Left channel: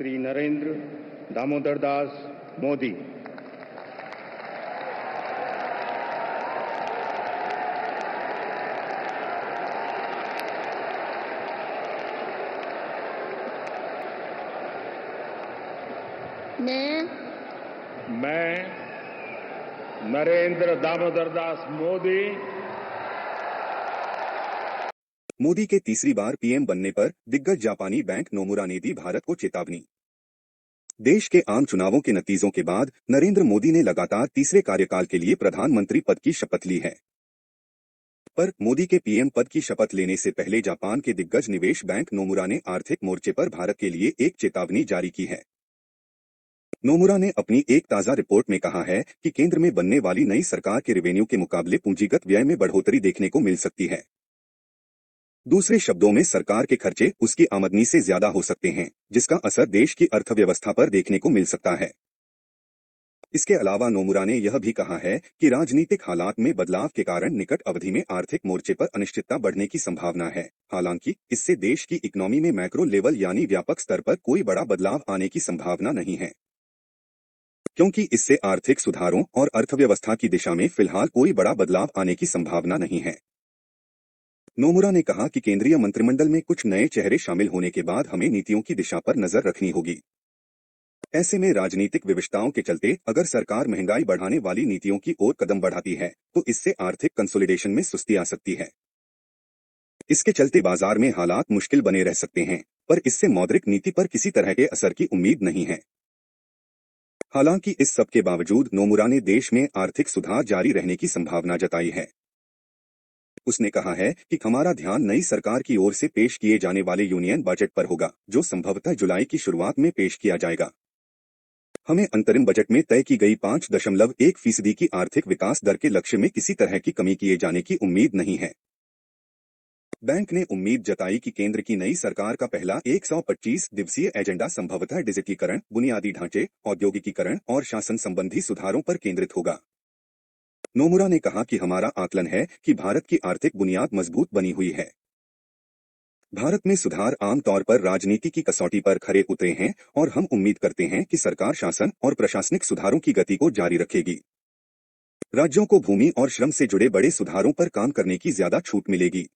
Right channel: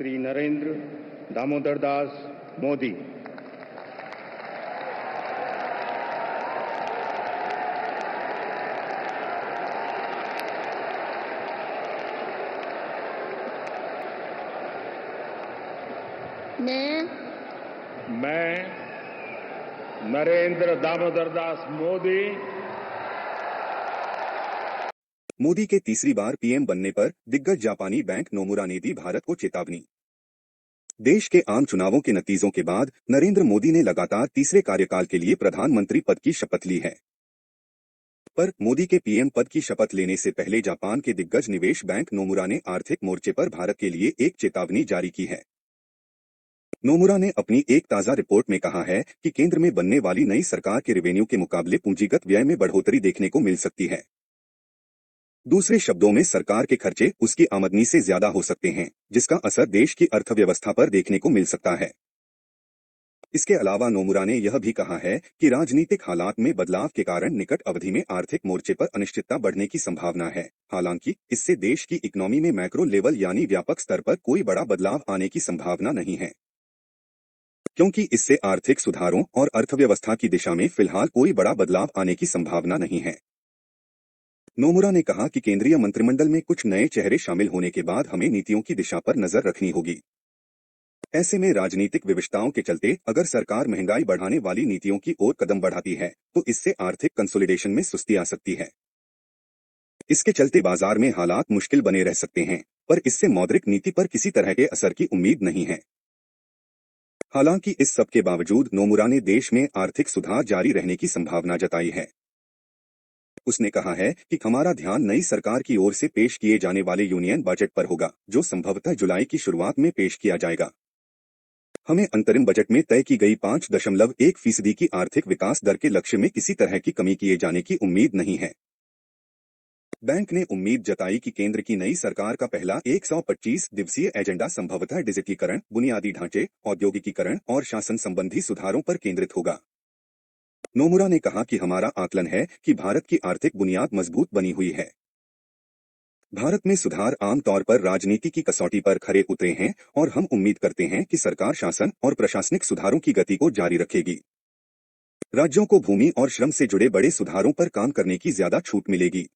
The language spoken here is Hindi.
श्री नरेंद्र दामोदर दास मोदी। मैं नरेंद्र दामोदर दास मोदी मोदी के तीसरी बार पीएम बनने पर दिग्गज जापानी बैंक नोमुरा ने दी भारत को चेतावनी। देश के आम चुनावों के नतीजों के बाद नरेंद्र मोदी ने लगातार तीसरे कार्यकाल के लिए प्रधानमंत्री पद की शपथ ली है। पर मोदी के पीएम पद की शपथ लेने से पहले जापान के दिग्गज निवेश बैंक नोमुरा ने आर्थिक मोर्चे पर भारत के लिए एक चेतावनी जारी की है। नोमुरा ने अपनी एक ताजा रिपोर्ट में कहा है कि केंद्र में बनने वाली नई सरकार के रेवेन्यू के मुकाबले पूंजीगत व्यय में बढ़ोतरी देखने को मिल सकती है। दूसरे शब्दों में सरकार के खर्चे उसकी आमदनी से ज्यादा हो सकते हैं, जिसका असर देश की अर्थव्यवस्था पर देखने को मिल सकता है। इसके अलावा नोमुरा ने यह भी कहा है कि राजनीतिक हालात में बदलाव के कारण निकट अवधि में आर्थिक मोर्चे पर अनिश्चितता बढ़ने की संभावना है। हालांकि इससे देश की इकोनॉमी में मैक्रो लेवल यानी व्यापक स्तर पर कोई बड़ा बदलाव आने की संभावना नहीं है, क्योंकि इससे आर्थिक सुधारों और अर्थव्यवस्था की दिशा में फिलहाल कोई बड़ा बदलाव आने की संभावना नहीं है। नोमुरा ने कहा कि केंद्रीय मंत्रिमंडल में कुछ नए चेहरे शामिल होने के बाद हमें नीतियों की दिशा पर नजर रखनी होगी। ऐसे में राजनीतिक विविधताओं के चलते अगर सरकार महंगाई बढ़ाने वाली नीतियों की ओर कदम बढ़ाती है तो इससे आर्थिक कंसोलिडेशन में सुस्ती आ सकती है। इसके चलते बाजार में हालात मुश्किल बने रह सकते हैं, पर इससे मौद्रिक नीति पर किसी तरह के असर की उम्मीद नहीं है। हालांकि इस सब के बावजूद नोमुरा ने देश में आर्थिक सुधार जारी रहने की संभावना जताई है। उसने कहा है कि हमारा ध्यान नई सरकार की ओर से पेश किए जाने वाले यूनियन बजट पर होगा, जो संभवतः जुलाई की शुरुआत में पेश किया जाएगा। हमें अंतरिम बजट में तय की गई 5.1% की आर्थिक विकास दर के लक्ष्य में किसी तरह की कमी किए जाने की उम्मीद नहीं है। बैंक ने उम्मीद जताई कि केंद्र की नई सरकार का पहला 125 दिवसीय एजेंडा संभवतः डिजिटीकरण, बुनियादी ढांचे, औद्योगिकीकरण और शासन संबंधी सुधारों पर केंद्रित होगा। नोमुरा ने कहा कि हमारा आकलन है कि भारत की आर्थिक बुनियाद मजबूत बनी हुई है। भारत में सुधार आमतौर पर राजनीति की कसौटी पर खरे उतरे हैं और हम उम्मीद करते हैं कि सरकार शासन और प्रशासनिक सुधारों की गति को जारी रखेगी। राज्यों को भूमि और श्रम से जुड़े बड़े सुधारों पर काम करने की ज्यादा छूट मिलेगी।